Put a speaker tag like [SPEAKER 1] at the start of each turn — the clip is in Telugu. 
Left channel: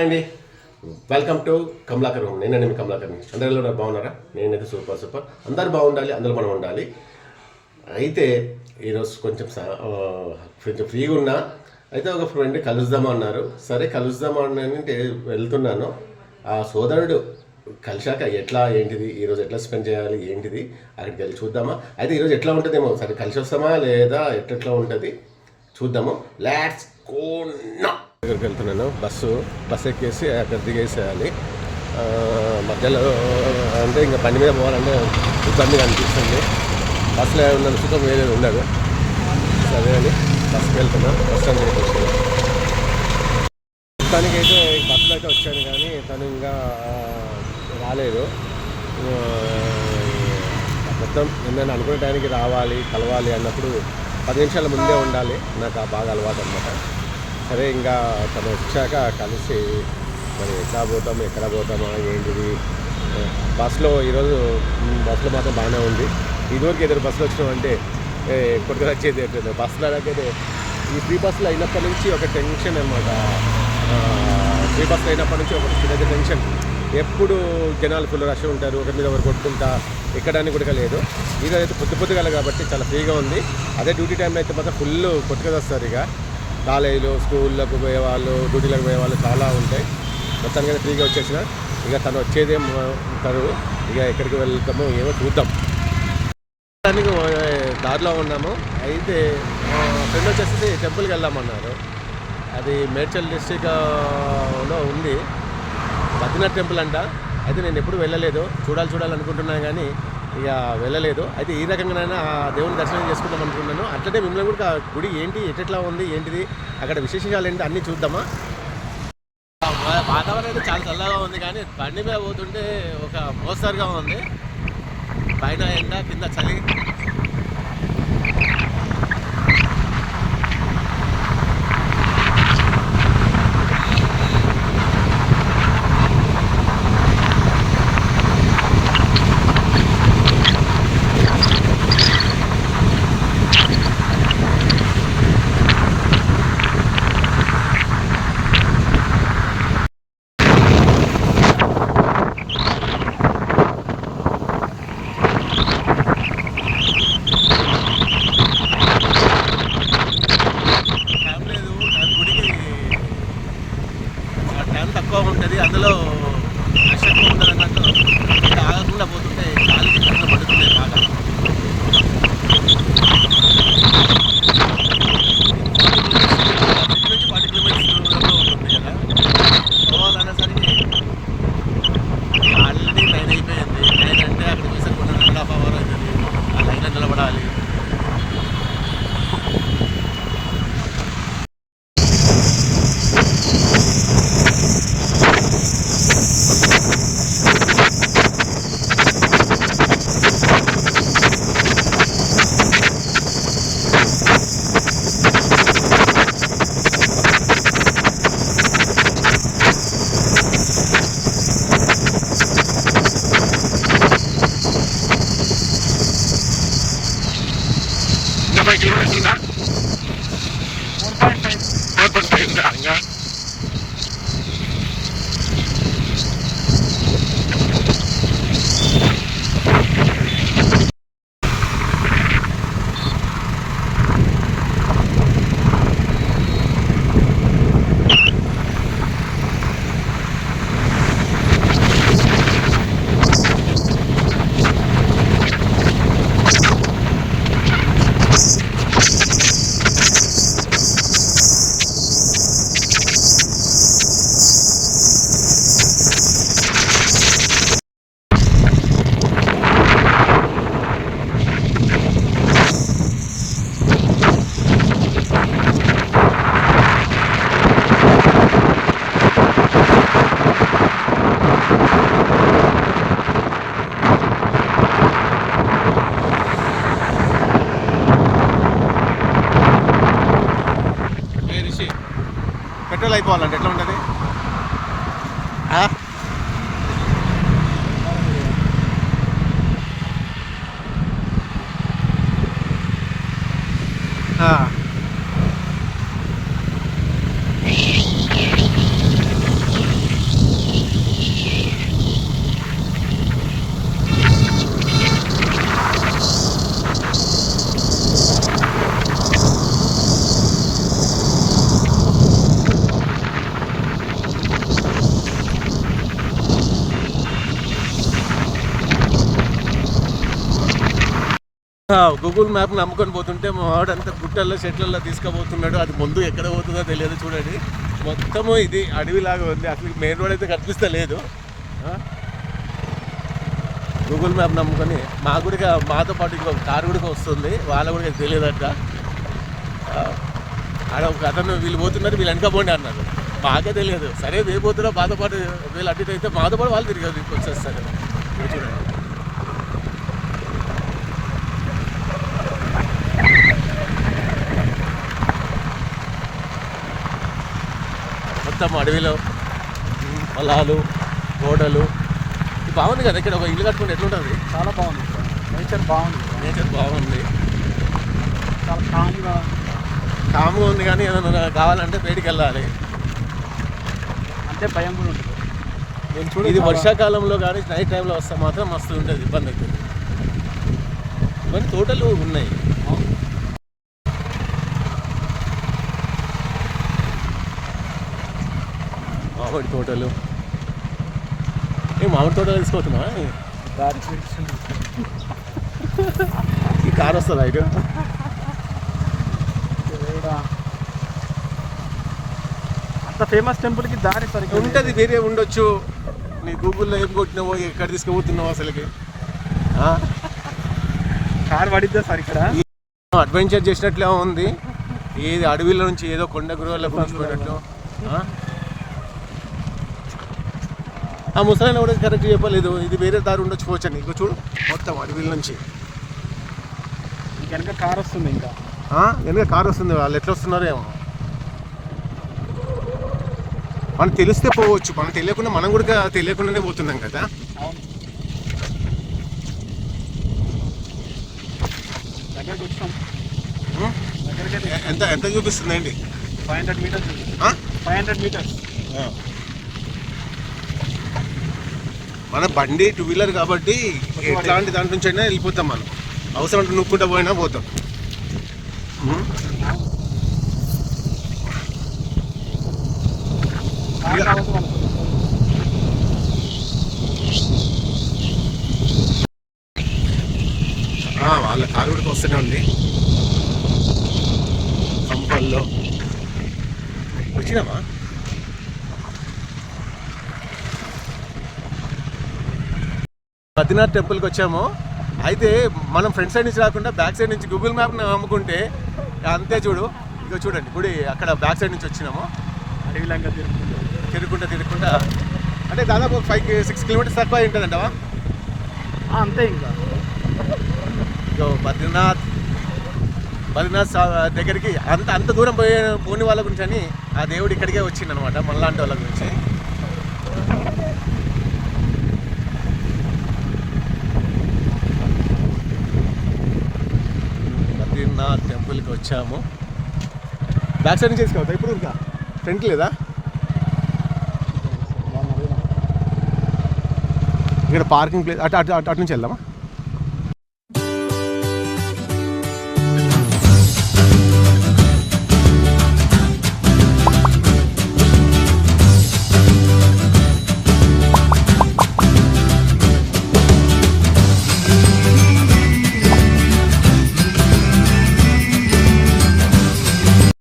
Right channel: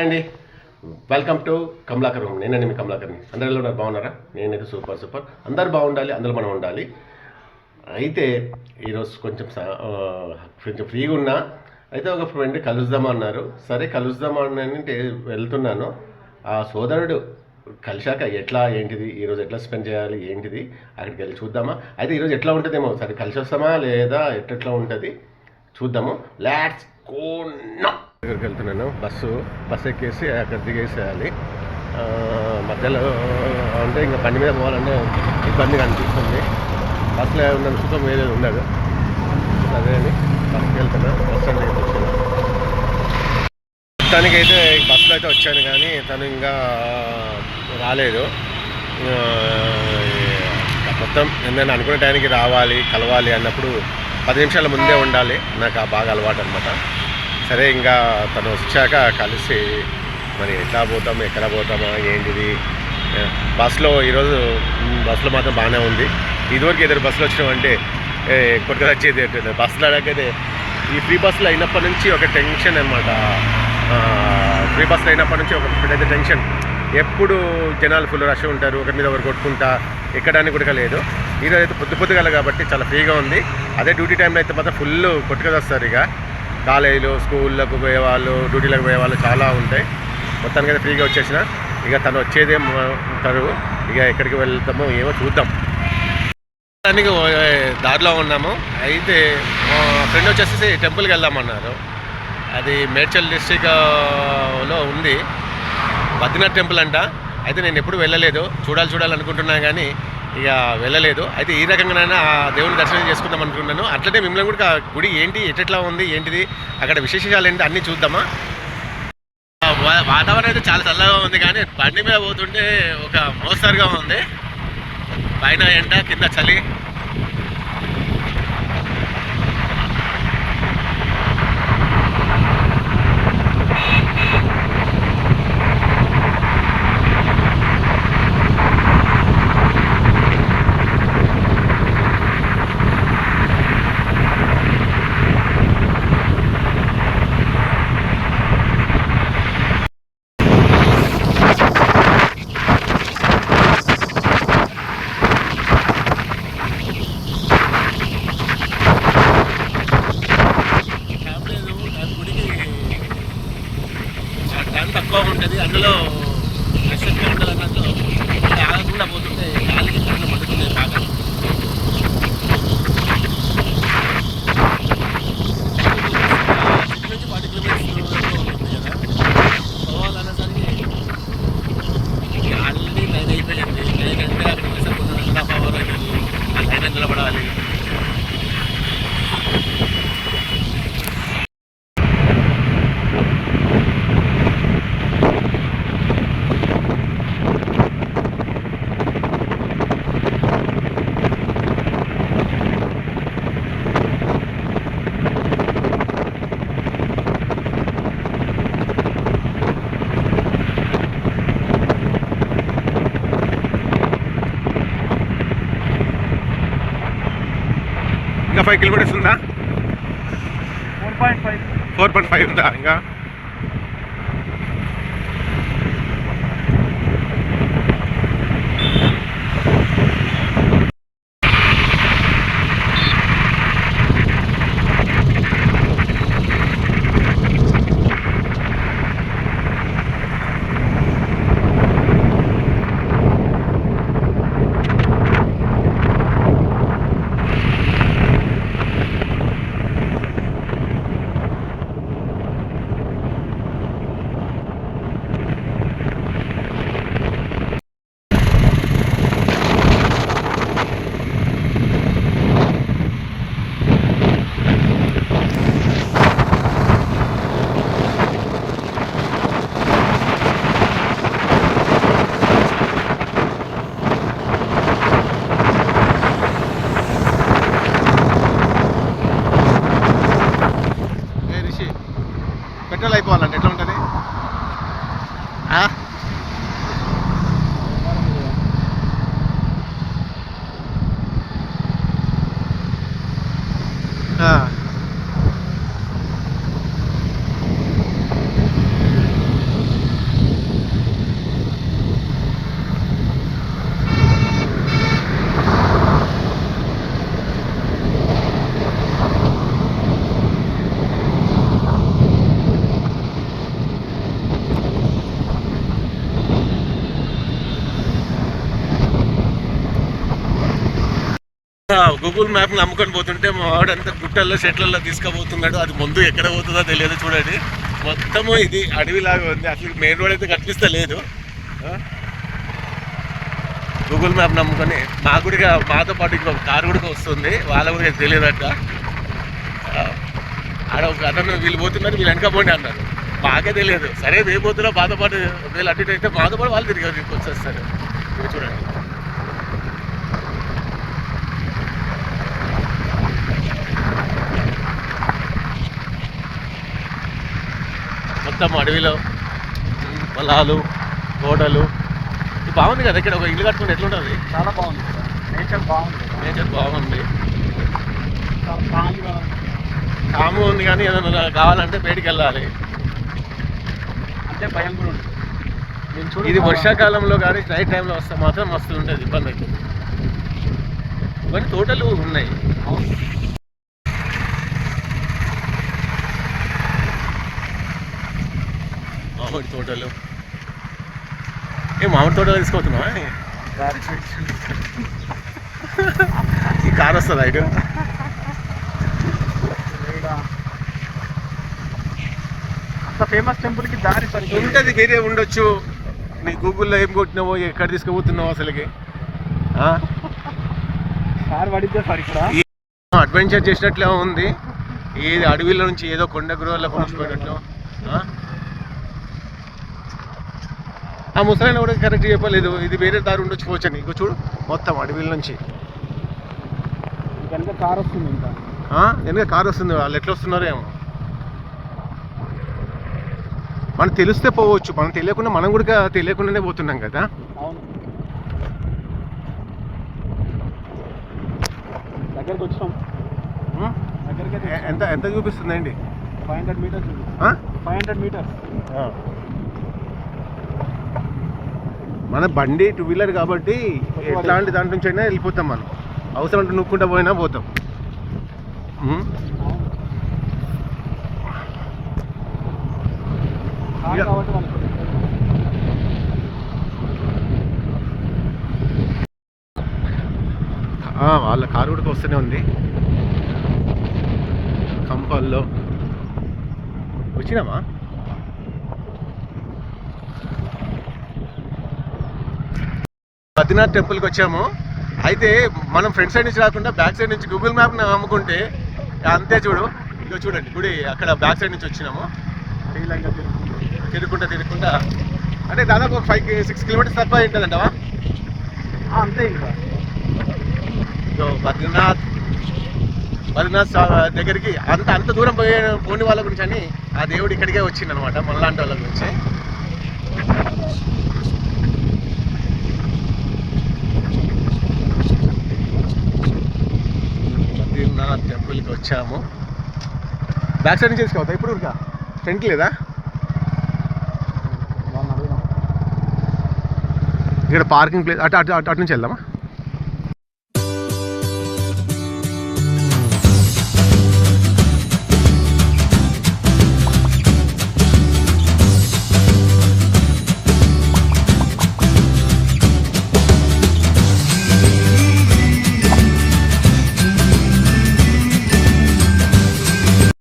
[SPEAKER 1] హాయ్ అండి. వెల్కమ్ టు కమలాకర్ నేనండి మీ కమలాకర్ని. అందరిలో ఉన్నారు బాగున్నారా? నేనైతే సూపర్ సూపర్. అందరు బాగుండాలి అందరూ మనం ఉండాలి. అయితే ఈరోజు కొంచెం కొంచెం ఫ్రీగా ఉన్నా. అయితే ఒక ఫ్రెండ్ కలుద్దాం అన్నారు. సరే కలుద్దాం అంటే వెళ్తున్నాను. ఆ సోదరుడు కలిశాక ఎట్లా ఏంటిది ఈరోజు ఎట్లా స్పెండ్ చేయాలి ఏంటిది అక్కడికి వెళ్ళి చూద్దామా? అయితే ఈరోజు ఎట్లా ఉంటుందేమో సరే కలిసి వస్తామా లేదా ఎట్లా ఉంటుంది చూద్దాము. లాట్స్ కోన్నా దగ్గరికి వెళ్తున్నాను. బస్సు బస్సు ఎక్కేసి అక్కడ దిగేసేయాలి. మధ్యలో అంటే ఇంకా బండి మీద పోవాలంటే ఇబ్బందిగా అనిపిస్తుంది. బస్సులో ఉన్న సుఖం వేరే ఉండదు. సరే అని బస్సుకి వెళ్తున్నా. బస్ స్టాండ్ దగ్గర మొత్తానికి అయితే బస్సులో అయితే వచ్చాను కానీ తను ఇంకా రాలేదు. మొత్తం నేను అనుకునే టైంకి రావాలి కలవాలి అన్నప్పుడు పది నిమిషాల ముందే ఉండాలి. నాకు ఆ బాగా అలవాటు అనమాట సరే ఇంకా తను వచ్చాక కలిసి మరి ఎట్లా పోతాం ఎక్కడ పోతామా ఏంటిది? బస్సులో ఈరోజు బస్సులో మాత్రం బాగానే ఉంది. ఇదివరకు ఏదైనా బస్సులో వచ్చినామంటే కొట్టుకు వచ్చేది ఏంటంటే బస్సులో అయితే ఈ ఫ్రీ బస్సులో అయినప్పటి నుంచి ఒక టెన్షన్ అనమాట ఫ్రీ బస్సులో అయినప్పటి నుంచి ఒక పెద్ద టెన్షన్. ఎప్పుడు జనాలు ఫుల్ రష్ ఉంటారు ఒకరి మీద ఒకరు కొట్టుకుంటా ఎక్కడానికి కూడా లేదు. ఈరోజు అయితే పొద్దు పొద్దుగల కాబట్టి చాలా ఫ్రీగా ఉంది. అదే డ్యూటీ టైంలో అయితే మాత్రం ఫుల్ కొట్టుకొని వస్తారు ఇక. కాలేజీలు స్కూళ్ళకు పోయేవాళ్ళు డ్యూటీలకు పోయేవాళ్ళు చాలా ఉంటాయి. మొత్తానికి అయితే ఫ్రీగా వచ్చేసిన. ఇక తను వచ్చేదే ఉంటారు ఇక ఎక్కడికి వెళ్తామో ఏమో చూద్దాం. దానికి దారిలో ఉన్నాము. అయితే మా ఫ్రెండ్ వచ్చేసి టెంపుల్కి వెళ్దామన్నారు. అది మేడ్చల్ డిస్టిక్లో ఉంది. బద్రీనాథ్ టెంపుల్ అంట. అయితే నేను ఎప్పుడు వెళ్ళలేదు. చూడాలి చూడాలనుకుంటున్నాను కానీ ఇక వెళ్ళలేదు. అయితే ఈ రకంగానైనా ఆ దేవుని దర్శనం చేసుకుందాం అనుకున్నాను అట్లనే మిమ్మల్ని కూడా గుడి ఏంటి ఎట్లా ఉంది ఏంటిది అక్కడ విశేషాలు ఏంటి అన్నీ చూద్దామా? వాతావరణం అయితే చాలా చల్లగా ఉంది కానీ బండి మీద పోతుంటే ఒక మోస్తరుగా ఉంది. పైన ఎండ కింద చలి. టైం తక్కువ ఉంటుంది. అందులో రష్ ఎక్కువ అన్నట్టు ఆగకుండా పోతుంటే గాలి కళ్ళు పడుతుంది బాగా నుంచి ఫార్టీ కిలోమీటర్స్ దూరంలో ఉంటుంది కదా పోవాలనేసరికి ఆల్రెడీ నైన్ అయిపోయింది నైన్ అంటే అక్కడికి వచ్చేసరికి కొంచెం రెండు హాఫ్ అవర్ అవుతుంది ఆ లైన్ నిలబడాలి ఇంకా ఫైవ్ కిలోమీటర్స్ ఉందా
[SPEAKER 2] four point five
[SPEAKER 1] four point five ఉందా ఇంకా గూగుల్ మ్యాప్ నమ్ముకొని పోతుంటే మా వాడంతా గుట్టల్లో చెట్లలో తీసుకుపోతున్నాడు. అది ముందు ఎక్కడ పోతుందో తెలియదు చూడండి. మొత్తము ఇది అడవిలాగా ఉంది. అసలు మెయిన్ రోడ్ అయితే కనిపిస్తా లేదు గూగుల్ మ్యాప్ నమ్ముకొని మా కూడా మాతో పాటు ఇంకొక కారు కూడా వస్తుంది. వాళ్ళ కూడా తెలియదట. ఆడ ఒక అతను వీళ్ళు పోతున్నారు వీళ్ళు వెనకపోండి అన్నారు. మాకే తెలియదు. సరే మేము పోతున్నా మాతో పాటు వీళ్ళు అటు ఇటు అయితే మాతో పాటు వాళ్ళు తిరిగి వచ్చేస్తారు. ఇది చూడండి. మొత్తం అడవిలో పొలాలు తోటలు ఇది బాగుంది కదా ఇక్కడ ఒక ఇల్లు కట్టుకుంటే ఎట్లుంటుంది?
[SPEAKER 2] చాలా బాగుంది. నేచర్ బాగుంది.
[SPEAKER 1] నేచర్ బాగుంది.
[SPEAKER 2] చాలా కామ్గా
[SPEAKER 1] కాము ఉంది కానీ ఏదైనా కావాలంటే బయటికి వెళ్ళాలి.
[SPEAKER 2] అంటే భయం కూడా ఉంటుంది
[SPEAKER 1] ఇది వర్షాకాలంలో కానీ నైట్ టైంలో వస్తే మాత్రం మస్తు ఉంటుంది ఇబ్బంది అవుతుంది. ఇవన్నీ తోటలు ఉన్నాయి. మామిడి తోటలు. ఏ మామిడి తోటలు తీసుకోతున్నావా
[SPEAKER 2] చూపించండి.
[SPEAKER 1] ఈ కార్ వస్తుందా ఇటు?
[SPEAKER 2] ఫేమస్ టెంపుల్కి దారి సరిగ్గా
[SPEAKER 1] ఉంటుంది వేరే ఉండొచ్చు. నీ గూగుల్లో ఏం కొట్టినావో ఎక్కడ తీసుకుపోతున్నావో అసలుకి?
[SPEAKER 2] కార్ పడిద్దా సార్ ఇక్కడ?
[SPEAKER 1] అడ్వెంచర్ చేసినట్లే ఉంది. ఏది అడవిలో నుంచి ఏదో కొండ గురువులకు ఉంచిపోయినట్లు ఆ? ముసలాయన కూడా కరెక్ట్ చెప్పలేదు. ఇది వేరే దారి ఉండొచ్చు పోవచ్చని ఇంకో చూడు మొత్తం అడవిల నుంచి.
[SPEAKER 2] వెనక కార్ వస్తుంది ఇంకా?
[SPEAKER 1] వెనక కారు వస్తుంది వాళ్ళు ఎట్లా వస్తున్నారో ఏమో. మనం తెలిస్తే పోవచ్చు. మనం తెలియకుండా మనం కూడా తెలియకుండానే పోతున్నాం కదా.
[SPEAKER 2] అవును. దగ్గరికి వచ్చాం
[SPEAKER 1] ఉం?
[SPEAKER 2] దగ్గరికి
[SPEAKER 1] ఎ- ఎంత ఎంత చూపిస్తుందండి?
[SPEAKER 2] Five hundred metres? Five hundred metres.
[SPEAKER 1] మన బండి టూ వీలర్ కాబట్టి ఎట్లాంటి దాంట్ నుంచి అయినా వెళ్ళిపోతాం మనం. అవసరం అంటే నొక్కుంటా పోయినా పోతాం. వాళ్ళ కారు కూడా వస్తూనే ఉంది. కంపల్లో. వచ్చినామా బద్రీనాథ్ టెంపుల్కి వచ్చాము. అయితే మనం ఫ్రంట్ సైడ్ నుంచి రాకుండా బ్యాక్ సైడ్ నుంచి గూగుల్ మ్యాప్ అమ్ముకుంటే అంతే చూడు. ఇక చూడండి గుడి అక్కడ బ్యాక్ సైడ్ నుంచి వచ్చినాము. తిరుగుకుంటా తిరుగుకుంటా. అంటే దాదాపు ఫైవ్ సిక్స్ కిలోమీటర్స్ తక్కువ ఉంటుందంటవా?
[SPEAKER 2] అంతే ఇంకా.
[SPEAKER 1] సో బద్రీనాథ్ బద్రీనాథ్ దగ్గరికి అంత అంత దూరం పోయే పోని వాళ్ళ గురించి అని ఆ దేవుడు ఇక్కడికే వచ్చింది అనమాట మనలాంటి వాళ్ళ గురించి బద్రీనాథ్ టెంపుల్కి వచ్చాము. బ్యాక్ సైడ్ నుంచి తీసుకోవద్దా ఇప్పుడు ఇంకా ఫ్రంట్ లేదా. ఇక్కడ పార్కింగ్ ప్లేస్ అటు అటు అటు అటు నుంచి వెళ్దామా?